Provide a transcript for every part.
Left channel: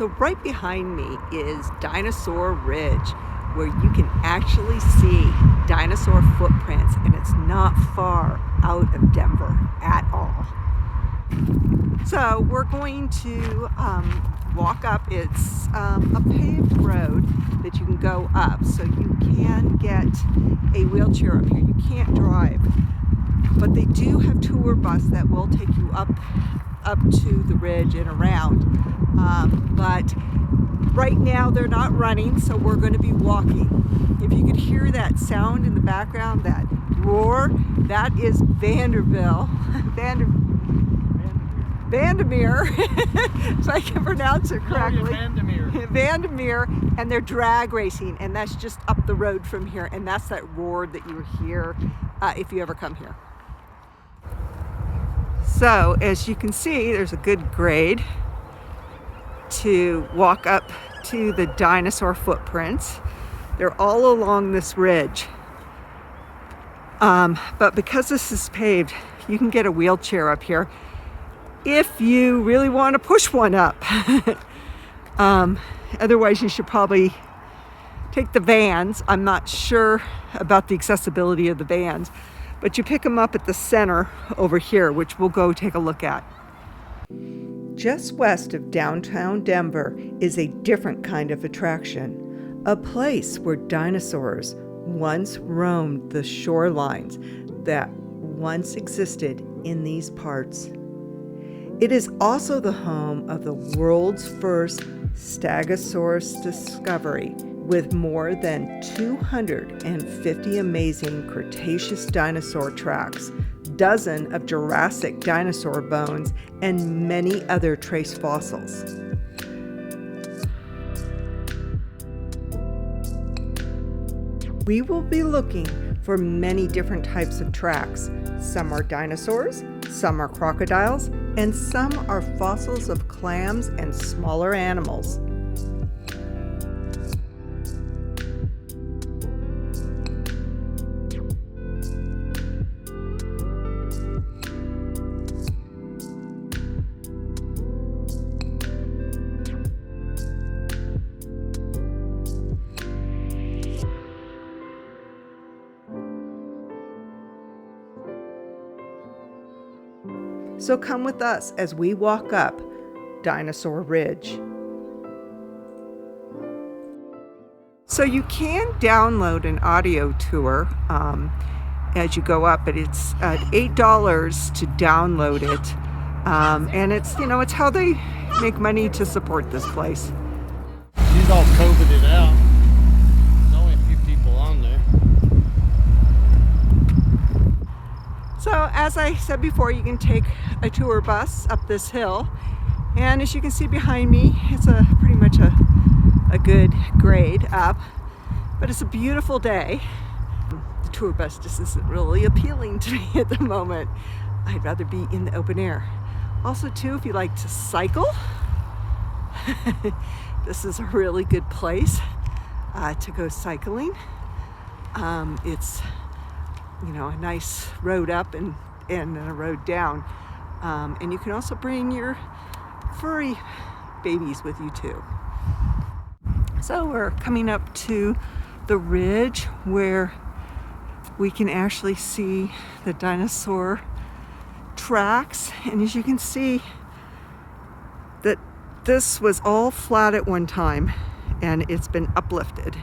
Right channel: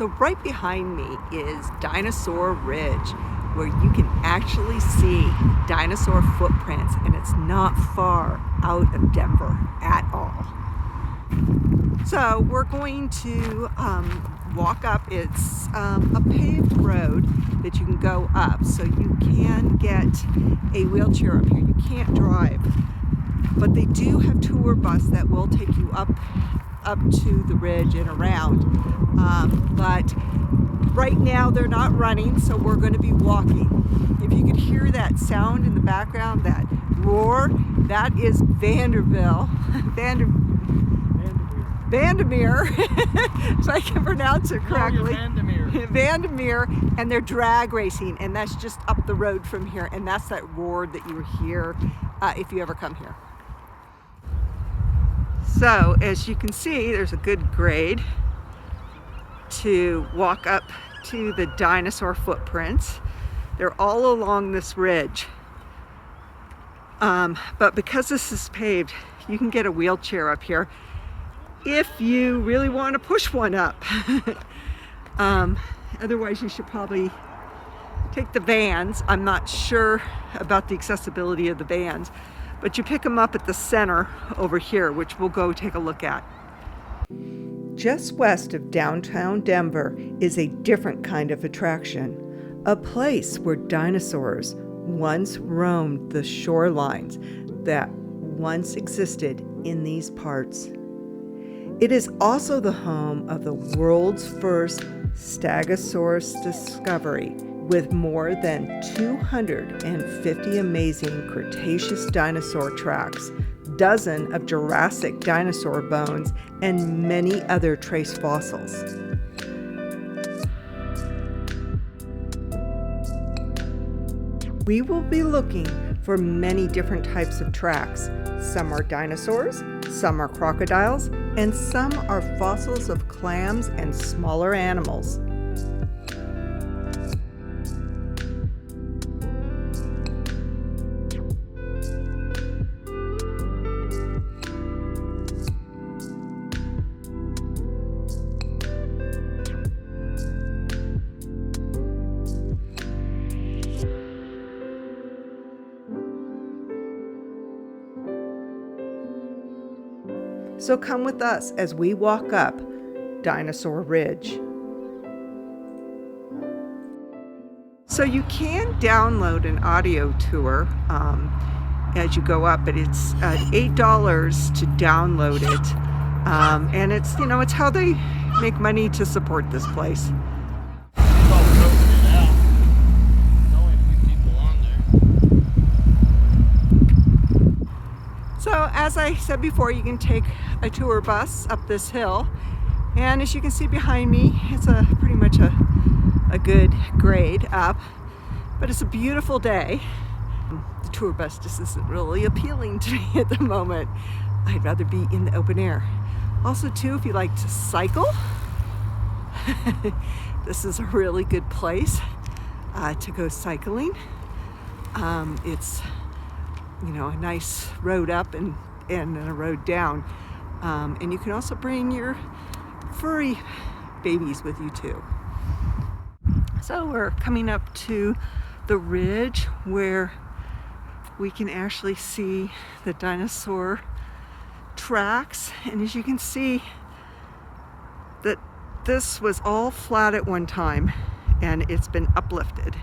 So right behind me is Dinosaur Ridge, where you can actually see dinosaur footprints, and it's not far out of Denver at all. So we're going to walk up. It's a paved road that you can go up, so you can get a wheelchair up here. You can't drive, but they do have tour bus that will take you up to the ridge and around. But right now they're not running, so we're going to be walking. If you could hear that sound in the background, that roar, that is Vandermeer, if I can pronounce it correctly. Vandermeer, and they're drag racing, and that's just up the road from here, and that's that roar that you hear if you ever come here. So as you can see, there's a good grade to walk up to the dinosaur footprints. They're all along this ridge. But because this is paved, you can get a wheelchair up here if you really want to push one up. Otherwise, you should probably take the vans. I'm not sure about the accessibility of the vans, but you pick them up at the center over here, which we'll go take a look at. Just west of downtown Denver is a different kind of attraction, a place where dinosaurs once roamed the shorelines that once existed in these parts. It is also the home of the world's first Stegosaurus discovery, with more than 250 amazing Cretaceous dinosaur tracks, dozens of Jurassic dinosaur bones, and many other trace fossils. We will be looking for many different types of tracks. Some are dinosaurs, some are crocodiles, and some are fossils of clams and smaller animals. So come with us as we walk up Dinosaur Ridge. So you can download an audio tour as you go up, but it's $8 to download it. And it's, you know, it's how they make money to support this place. She's all covered it out. There's only a few people on there. So as I said before, you can take a tour bus up this hill, and as you can see behind me, it's pretty much a good grade up, but it's a beautiful day. The tour bus just isn't really appealing to me at the moment. I'd rather be in the open air. Also too, if you like to cycle, this is a really good place to go cycling. It's, you know, a nice road up and a road down. And you can also bring your furry babies with you too. So we're coming up to the ridge where we can actually see the dinosaur tracks. And as you can see, that this was all flat at one time and it's been uplifted.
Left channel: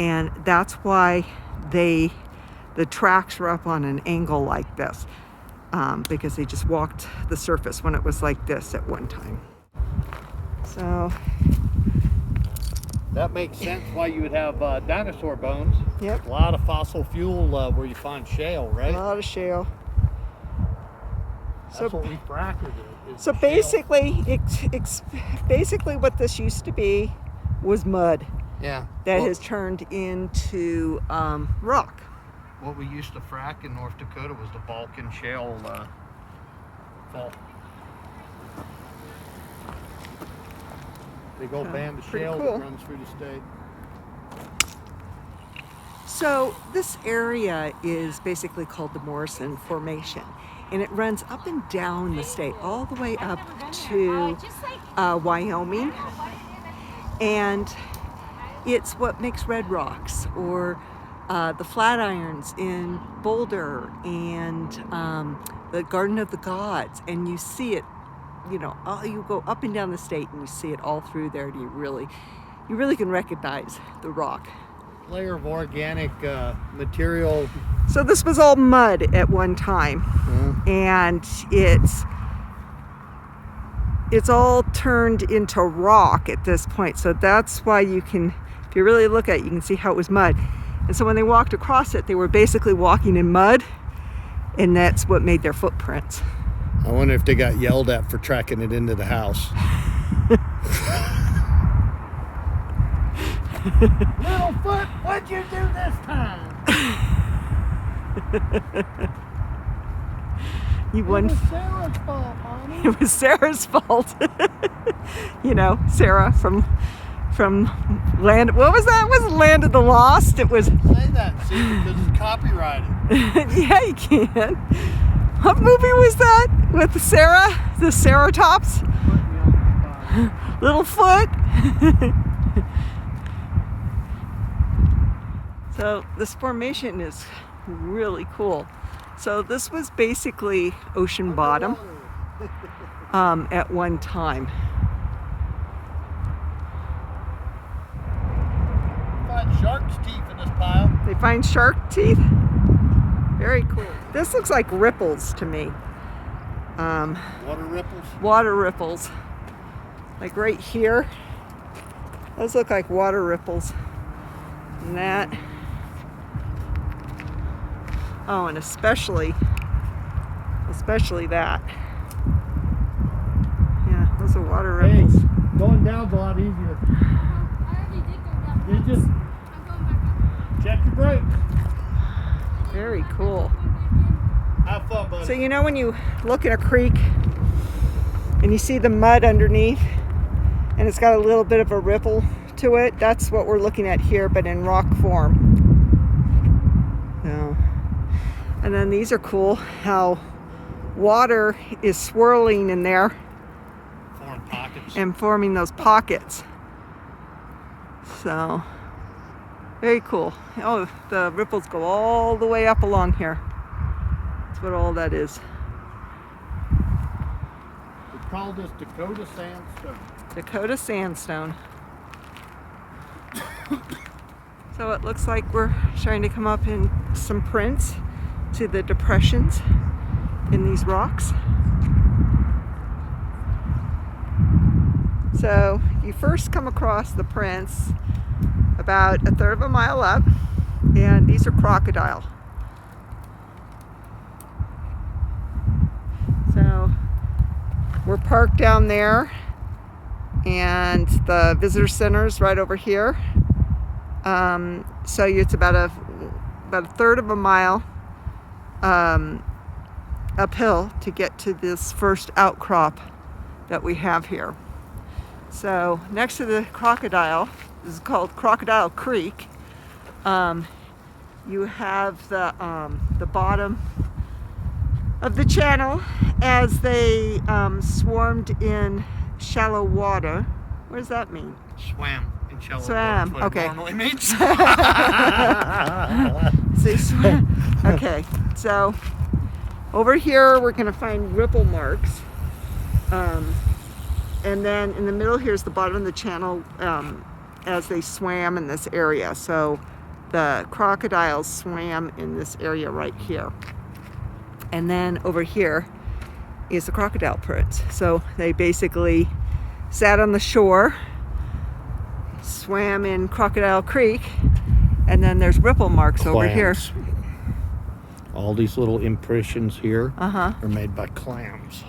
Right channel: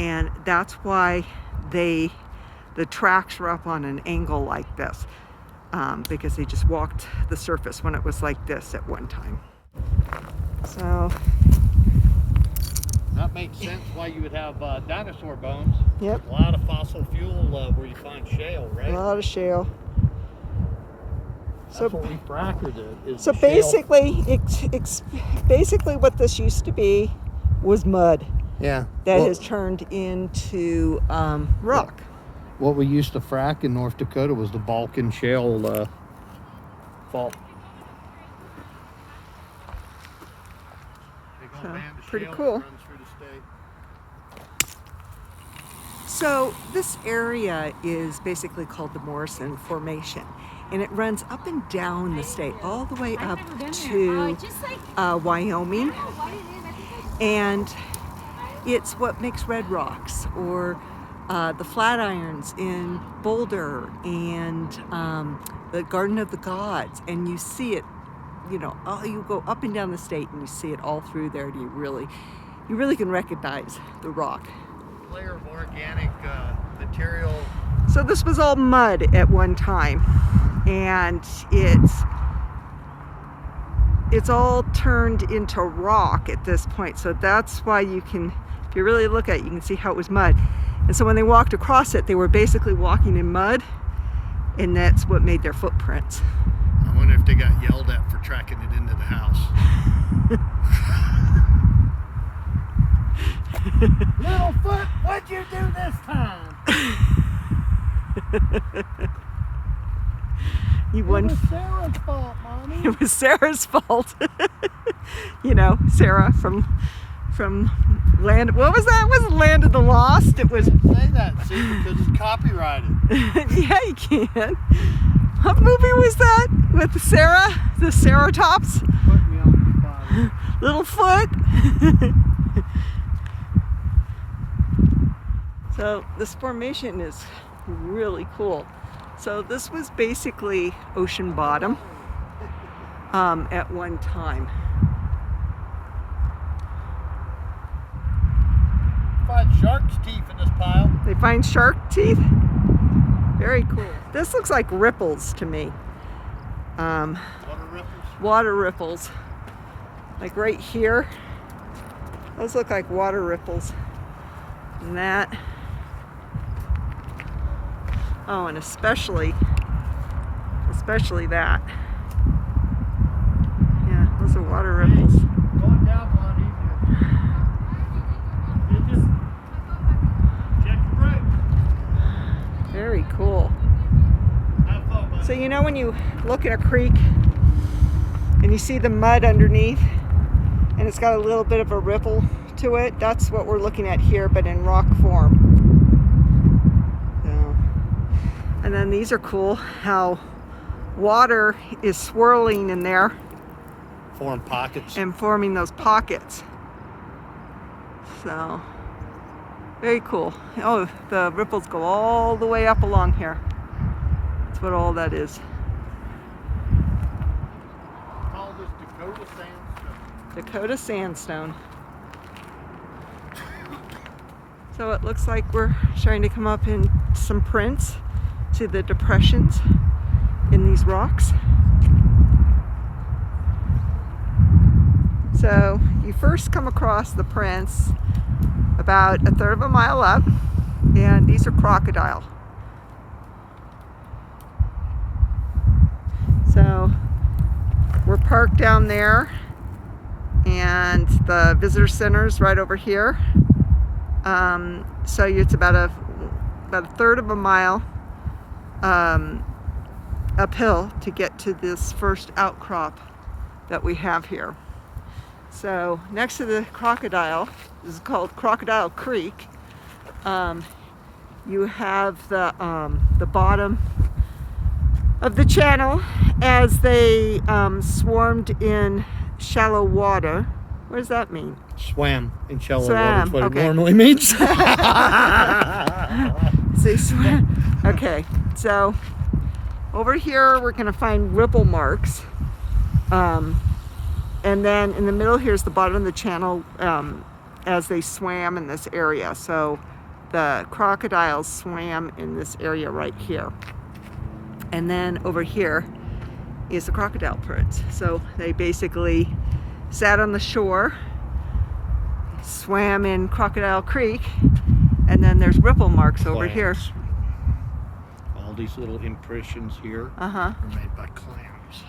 And that's why the tracks were up on an angle like this, because they just walked the surface when it was like this at one time. So that makes sense why you would have dinosaur bones. Yep. A lot of fossil fuel where you find shale, right? A lot of shale. That's what we fractured it. So basically, basically what this used to be was mud. Yeah. That has turned into rock. What we used to frack in North Dakota was the Balkan shale fault. Big old band of pretty shale cool. that runs through the state. So this area is basically called the Morrison Formation, and it runs up and down the state, all the way up to Wyoming. And it's what makes red rocks, or the Flatirons in Boulder, and the Garden of the Gods. And you see it, you know, you go up and down the state and you see it all through there, and you really can recognize the rock. Layer of organic material. So this was all mud at one time, and it's all turned into rock at this point. So that's why you can, if you really look at it, you can see how it was mud. And so when they walked across it, they were basically walking in mud, and that's what made their footprints. I wonder if they got yelled at for tracking it into the house. Littlefoot, what'd you do this time? You won. It was Sarah's fault, Mommy. It was Sarah's fault. You know, Sarah from Land. What was that? It wasn't Land of the Lost. It was. Say that, see, because it's copyrighted. Yeah, you can. What movie was that with Sarah? The Ceratops? Put me on the spot. Littlefoot. So this formation is really cool. So this was basically ocean bottom at one time. Find shark's teeth in this pile. They find shark teeth? Very cool. This looks like ripples to me. Water ripples? Water ripples. Like right here. Those look like water ripples. And that. Oh, and especially that. Yeah, those are water ripples. Hey, going down's a lot easier. You just check your brakes. Very cool. Have fun, buddy. So you know when you look in a creek and you see the mud underneath and it's got a little bit of a ripple to it? That's what we're looking at here, but in rock form. So, and then these are cool, how water is swirling in there Form pockets. and forming those pockets. So, very cool. Oh, the ripples go all the way up along here. That's what all that is. We call this Dakota sandstone. Dakota sandstone. So it looks like we're starting to come up in some prints to the depressions in these rocks. So you first come across the prints about a third of a mile up, and these are crocodile. So we're parked down there, and the visitor center's right over here. So it's about a third of a mile uphill to get to this first outcrop that we have here. So next to the crocodile, this is called Crocodile Creek. You have the bottom of the channel as they swarmed in shallow water. What does that mean? Swam in shallow Swam, water. That's what okay. it normally means. They swam. Okay, so over here we're going to find ripple marks. And then in the middle here is the bottom of the channel as they swam in this area. So the crocodiles swam in this area right here. And then over here is the crocodile prints. So they basically sat on the shore, swam in Crocodile Creek, and then there's ripple marks over here. Clams. All these little impressions here Uh-huh. are made by clams.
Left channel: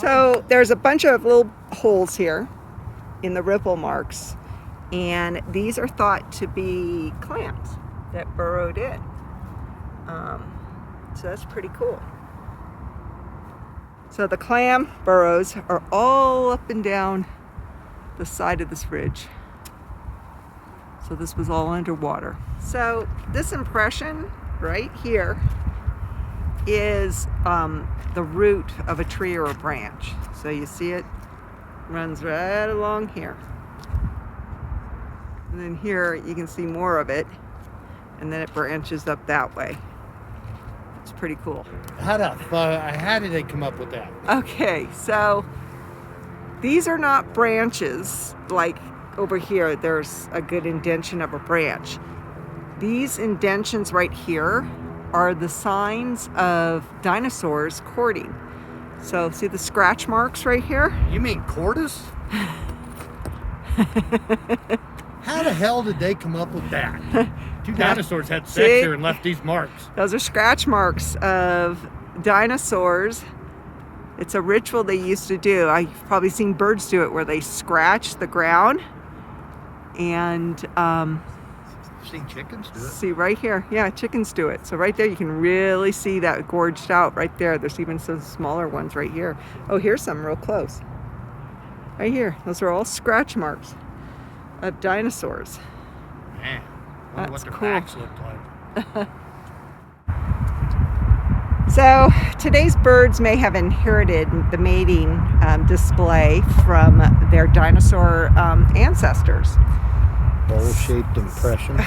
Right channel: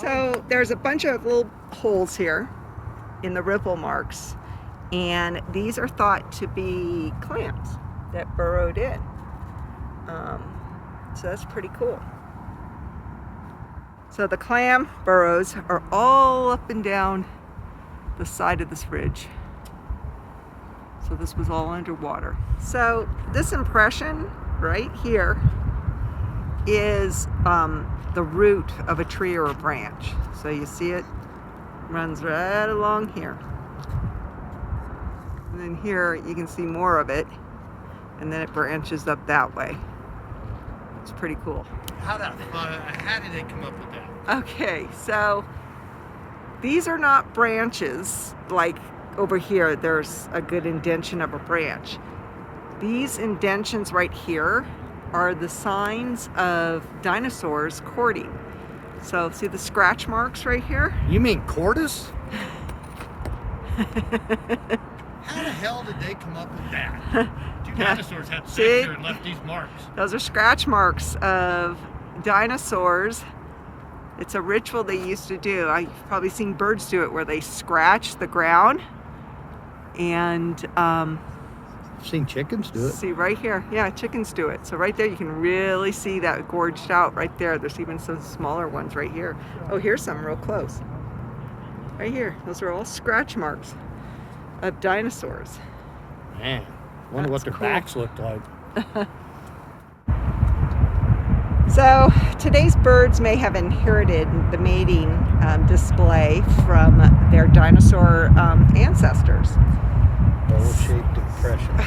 So there's a bunch of little holes here in the ripple marks, and these are thought to be clams that burrowed in. So that's pretty cool. So the clam burrows are all up and down the side of this ridge. So this was all underwater. So this impression right here is the root of a tree or a branch. So you see it runs right along here. And then here you can see more of it, and then it branches up that way. It's pretty cool. How did they come up with that? Okay, so these are not branches like over here. There's a good indention of a branch. These indentions right here are the signs of dinosaurs courting. So see the scratch marks right here? You mean Cordis? How the hell did they come up with that? Two dinosaurs had sex here and left these marks. Those are scratch marks of dinosaurs. It's a ritual they used to do. I've probably seen birds do it where they scratch the ground. And I've seen chickens do it. see right here, yeah, chickens do it. So right there you can really see that gorged out right there. There's even some smaller ones right here. Oh, here's some real close. Right here, those are all scratch marks of dinosaurs. Man, I wonder what the backs looked like. So today's birds may have inherited the mating display from their dinosaur ancestors. Bowl-shaped impression.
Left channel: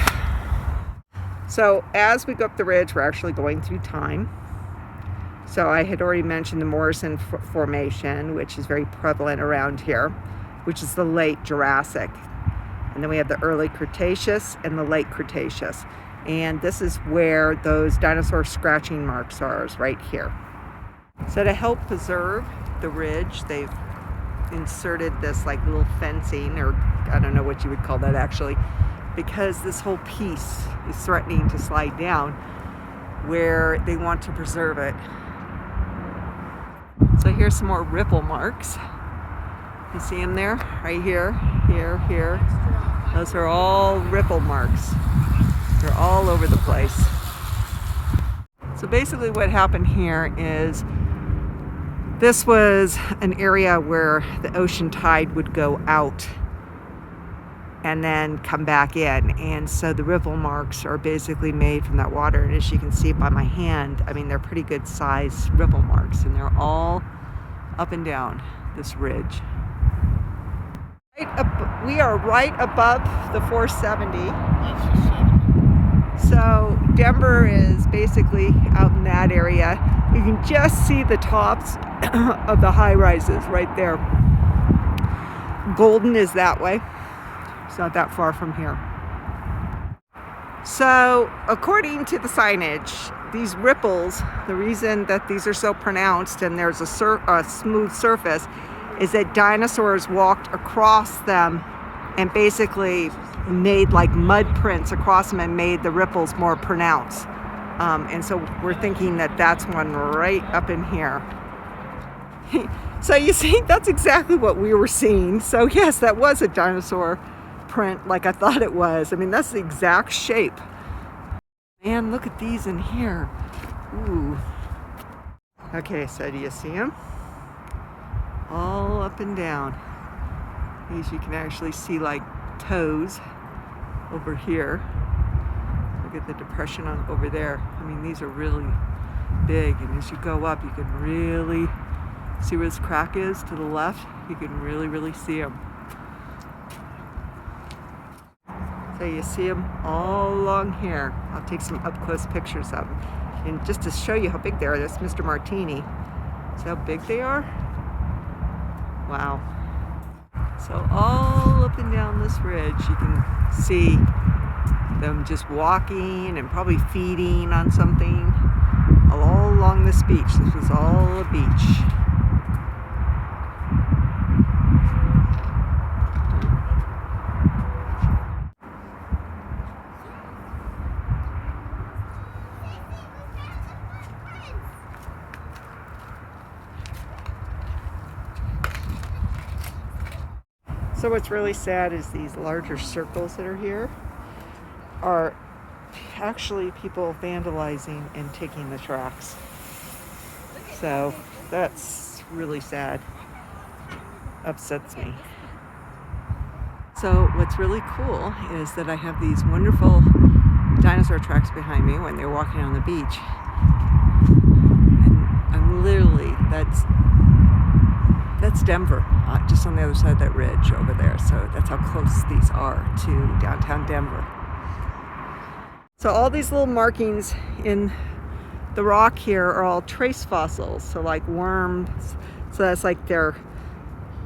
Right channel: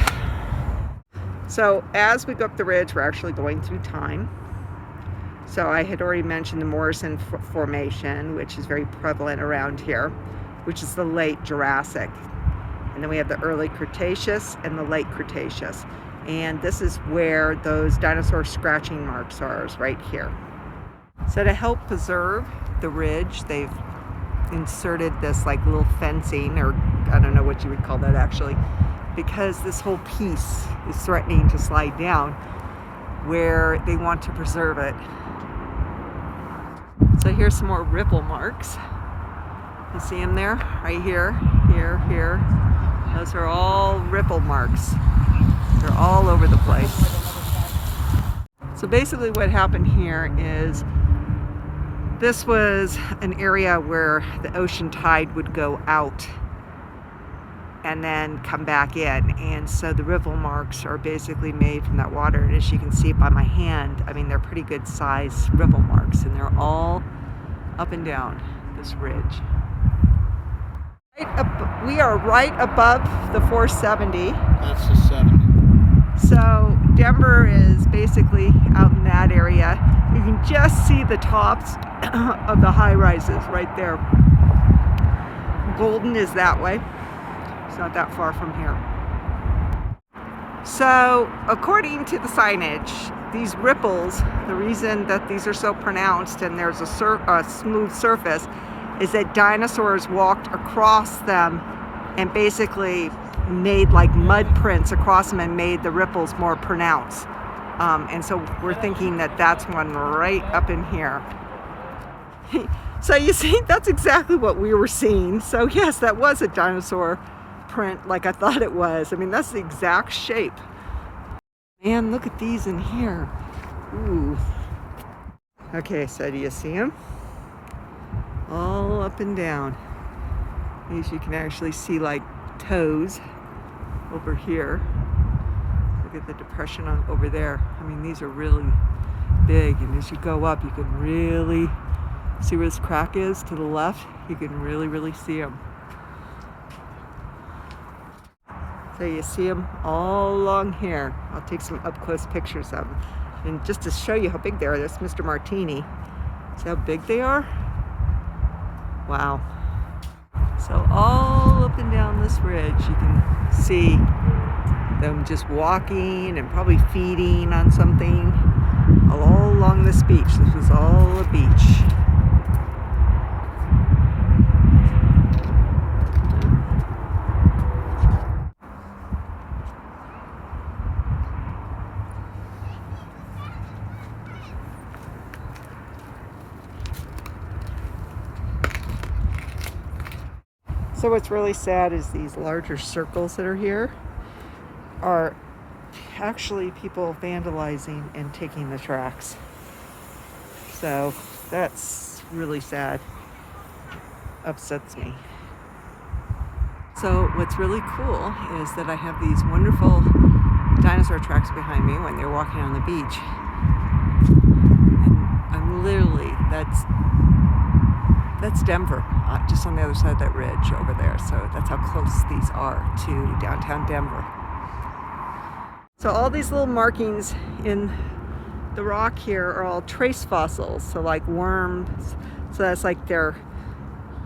So as we go up the ridge, we're actually going through time. So I had already mentioned the Morrison Formation, which is very prevalent around here, which is the late Jurassic. And then we have the early Cretaceous and the late Cretaceous. And this is where those dinosaur scratching marks are, is right here. So to help preserve the ridge, they've inserted this like little fencing, or I don't know what you would call that actually, because this whole piece is threatening to slide down, where they want to preserve it. So here's some more ripple marks. You see them there? Right here, here, here. Those are all ripple marks. They're all over the place. So basically what happened here is this was an area where the ocean tide would go out and then come back in. And so the ripple marks are basically made from that water. And as you can see by my hand, I mean, they're pretty good sized ripple marks, and they're all up and down this ridge. We are right above the 470. That's the 70. So Denver is basically out in that area. You can just see the tops of the high rises right there. Golden is that way. It's not that far from here. So according to the signage, these ripples, the reason that these are so pronounced and there's a smooth surface is that dinosaurs walked across them and basically made like mud prints across them and made the ripples more pronounced. And so we're thinking that that's one right up in here. So you see, that's exactly what we were seeing. So yes, that was a dinosaur print like I thought it was. I mean, that's the exact shape. Man, look at these in here. Ooh. Okay, so do you see them? All up and down. These you can actually see like toes over here. Look at the depression over there. I mean, these are really big, and as you go up you can really see where this crack is to the left. You can really see them. So you see them all along here. I'll take some up-close pictures of them. And just to show you how big they are, that's Mr. Martini. See how big they are? Wow. So all up and down this ridge, you can see them just walking and probably feeding on something all along this beach. This was all a beach. So what's really sad is these larger circles that are here are actually people vandalizing and taking the tracks. So that's really sad. Upsets me. So what's really cool is that I have these wonderful dinosaur tracks behind me when they're walking on the beach. And I'm literally, that's Denver, just on the other side of that ridge over there. So that's how close these are to downtown Denver. So all these little markings in the rock here are all trace fossils. So like worms, so that's like their,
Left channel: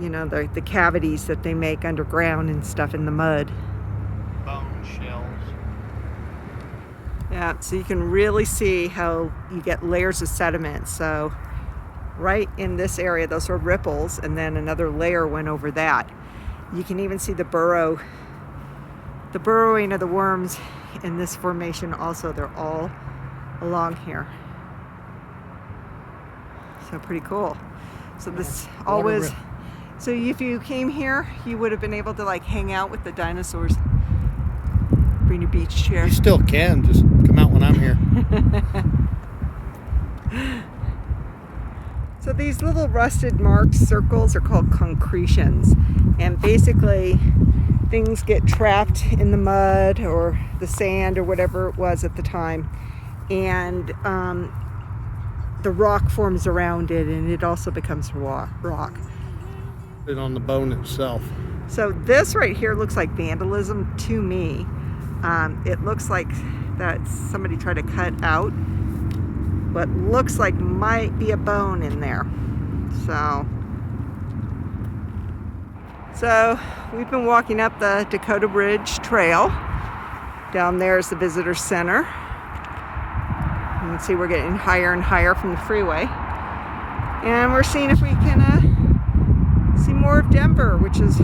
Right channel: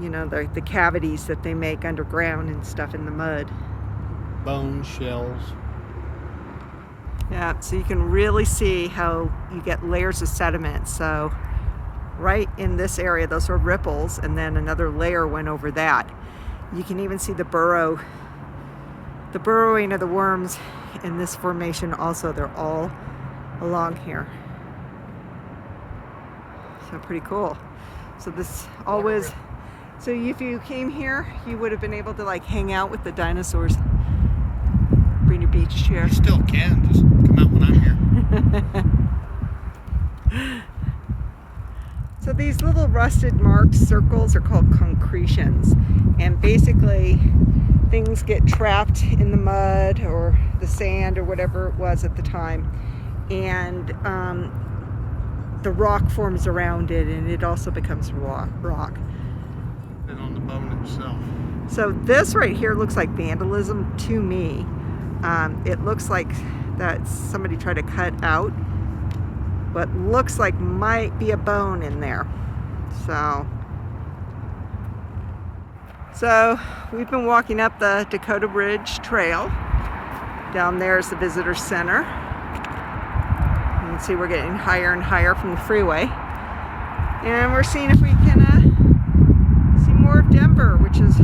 you know, the cavities that they make underground and stuff in the mud. Bones, shells. Yeah, so you can really see how you get layers of sediment. So right in this area, those were ripples, and then another layer went over that. You can even see the burrowing of the worms in this formation also. They're all along here. So pretty cool. So this always, so if you came here, you would have been able to like hang out with the dinosaurs. Bring your beach chair. You still can, just come out when I'm here. So these little rusted marked circles are called concretions, and basically things get trapped in the mud or the sand or whatever it was at the time, and the rock forms around it, and it also becomes rock. Put it on the bone itself. So this right here looks like vandalism to me. It looks like that somebody tried to cut out what looks like might be a bone in there. So we've been walking up the Dakota Ridge Trail. Down there is the visitor center. You can see we're getting higher and higher from the freeway. And we're seeing if we can see more of Denver, which is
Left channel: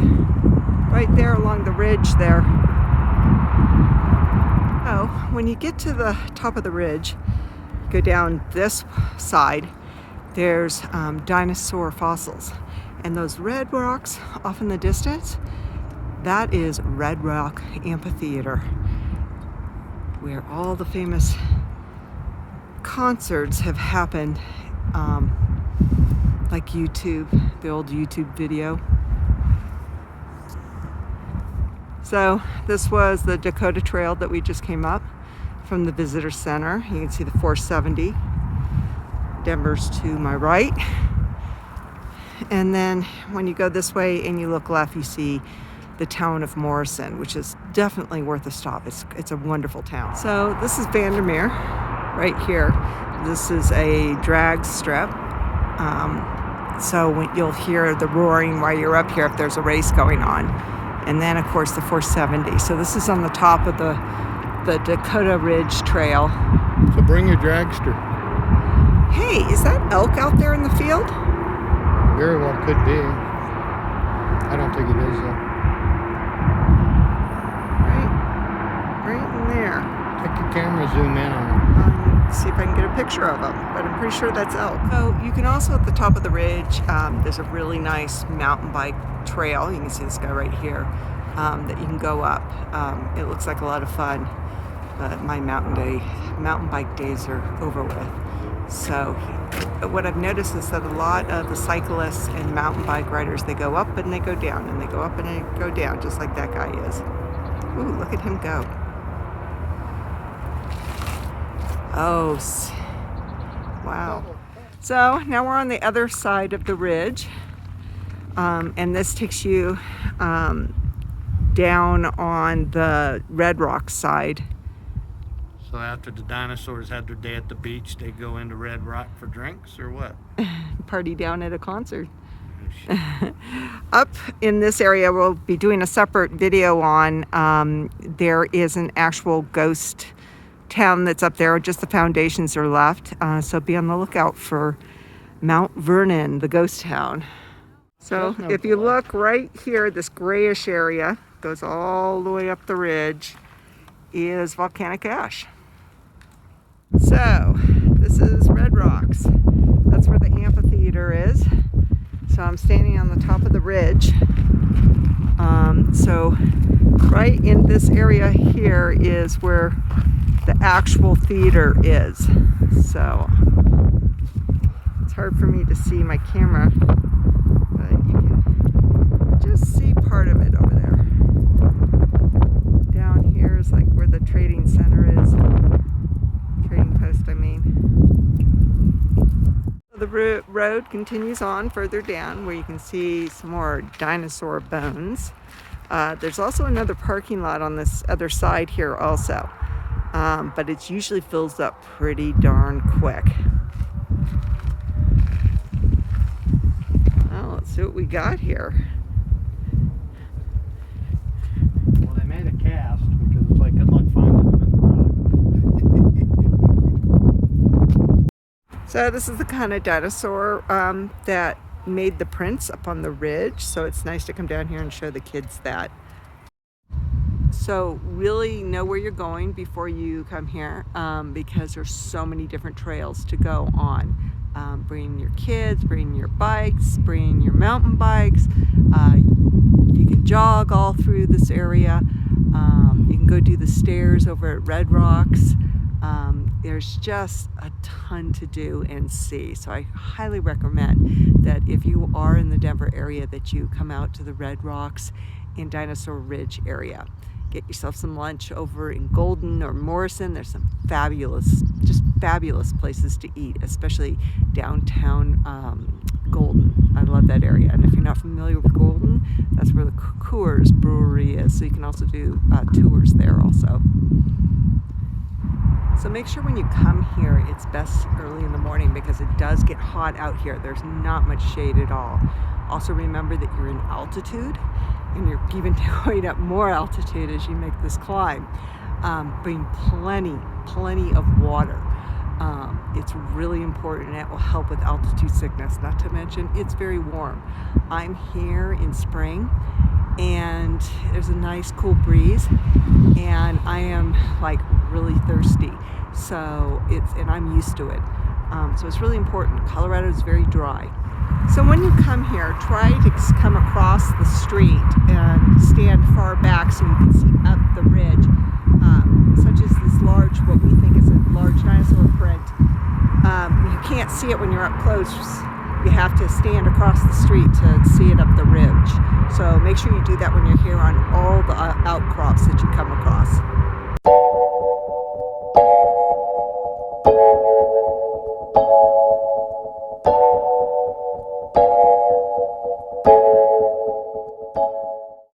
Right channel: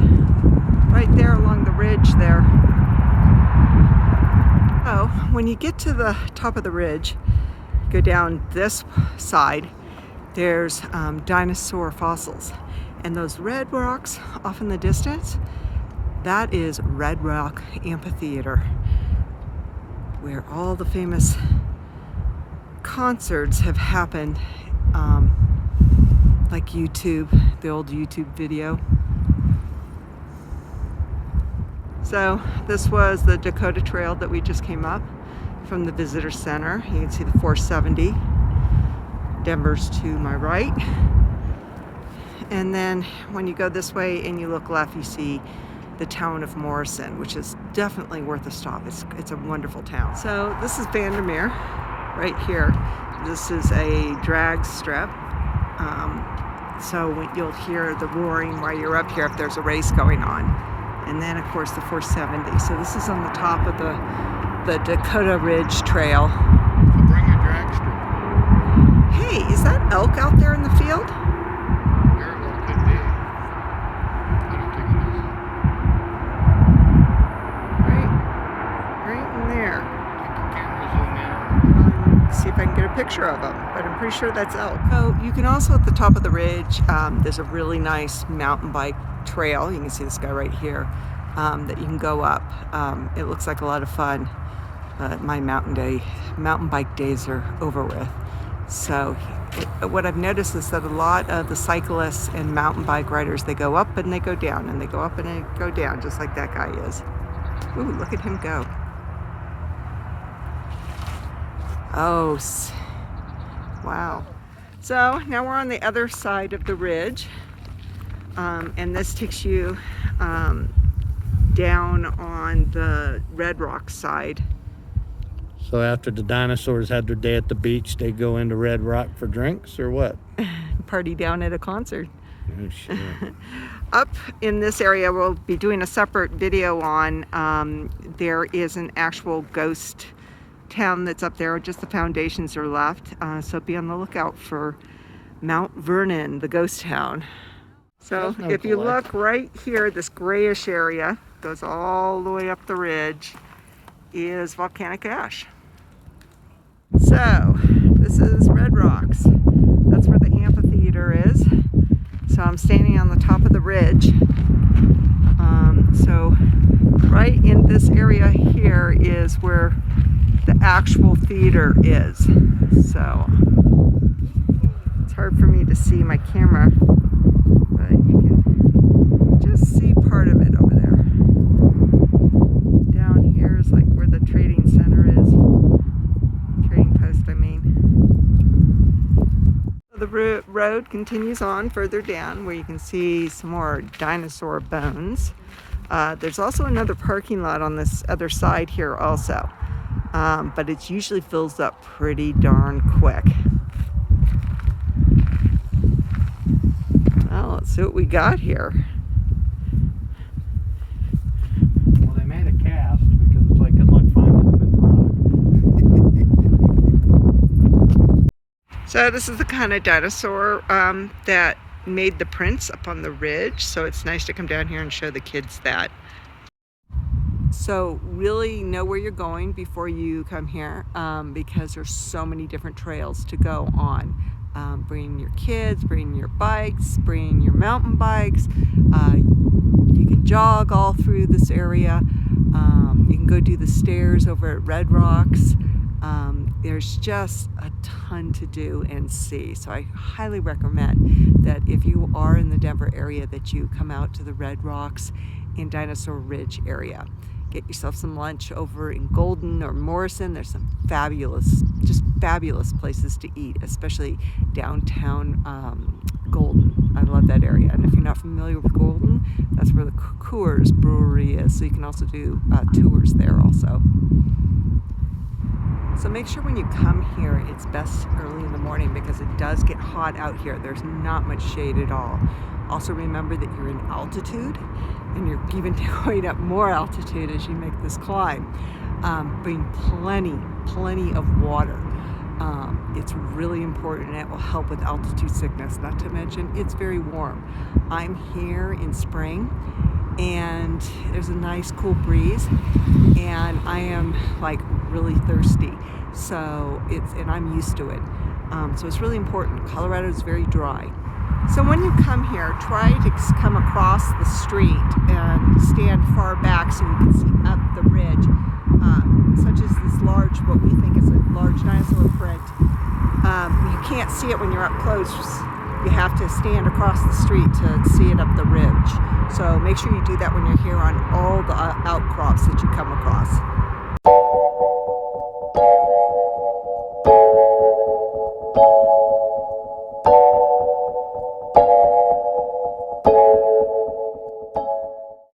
right there along the ridge there. Oh, when you get to the top of the ridge, go down this side, there's dinosaur fossils. And those red rocks off in the distance, that is Red Rock Amphitheater, where all the famous concerts have happened, like YouTube, the old YouTube video. So this was the Dakota Trail that we just came up from the visitor center. You can see the 470. Denver's to my right. And then when you go this way and you look left, you see the town of Morrison, which is definitely worth a stop. It's a wonderful town. So this is Vandermeer right here. This is a drag strip. So you'll hear the roaring while you're up here if there's a race going on. And then of course the 470. So this is on the top of the Dakota Ridge Trail. So bring your dragster. Hey, is that elk out there in the field? Very well could be. I don't think it is though. Right in there. Take your camera, zoom in on See if I can get a picture of them, but I'm pretty sure that's elk. So you can also, at the top of the ridge, there's a really nice mountain bike trail. You can see this guy right here, that you can go up. It looks like a lot of fun, but my mountain bike days are over with. So what I've noticed is that a lot of the cyclists and mountain bike riders, they go up and they go down, and they go up and they go down, just like that guy is. Ooh, look at him go. Oh, wow. So now we're on the other side of the ridge, and this takes you down on the Red Rock side. So after the dinosaurs had their day at the beach, they go into Red Rock for drinks or what? Party down at a concert. Oh, shit. Up in this area, we'll be doing a separate video on, there is an actual ghost town that's up there. Just the foundations are left. So be on the lookout for Mount Vernon, the ghost town. So if you look right here, this grayish area goes all the way up the ridge, is volcanic ash. So this is Red Rocks. That's where the amphitheater is. So I'm standing on the top of the ridge. So right in this area here is where the actual theater is. So it's hard for me to see my camera, but you can just see part of it over there. Down here is like where the trading center is. Trading post, I mean. The road continues on further down where you can see some more dinosaur bones. There's also another parking lot on this other side here also, but it usually fills up pretty darn quick. Well, let's see what we got here. Well, they made a cast because it's like good luck finding them in the rock. So this is the kind of dinosaur that made the prints up on the ridge, so it's nice to come down here and show the kids that. So really know where you're going before you come here, because there's so many different trails to go on. Bring your kids, bring your bikes, bring your mountain bikes. You can jog all through this area. You can go do the stairs over at Red Rocks. There's just a ton to do and see. So I highly recommend that if you are in the Denver area that you come out to the Red Rocks and Dinosaur Ridge area. Get yourself some lunch over in Golden or Morrison. There's some fabulous, just fabulous places to eat, especially downtown Golden. I love that area. And if you're not familiar with Golden, that's where the Coors Brewery is. So you can also do tours there also. So make sure when you come here, it's best early in the morning because it does get hot out here. There's not much shade at all. Also remember that you're in altitude and you're even going up more altitude as you make this climb. Bring plenty of water. It's really important and it will help with altitude sickness. Not to mention, it's very warm. I'm here in spring and there's a nice cool breeze and I am like really thirsty. So and I'm used to it. So it's really important. Colorado is very dry. So when you come here, try to come across the street and stand far back so you can see up the ridge, such as this large, what we think is a large dinosaur print. You can't see it when you're up close. You have to stand across the street to see it up the ridge. So make sure you do that when you're here on all the outcrops that you come across.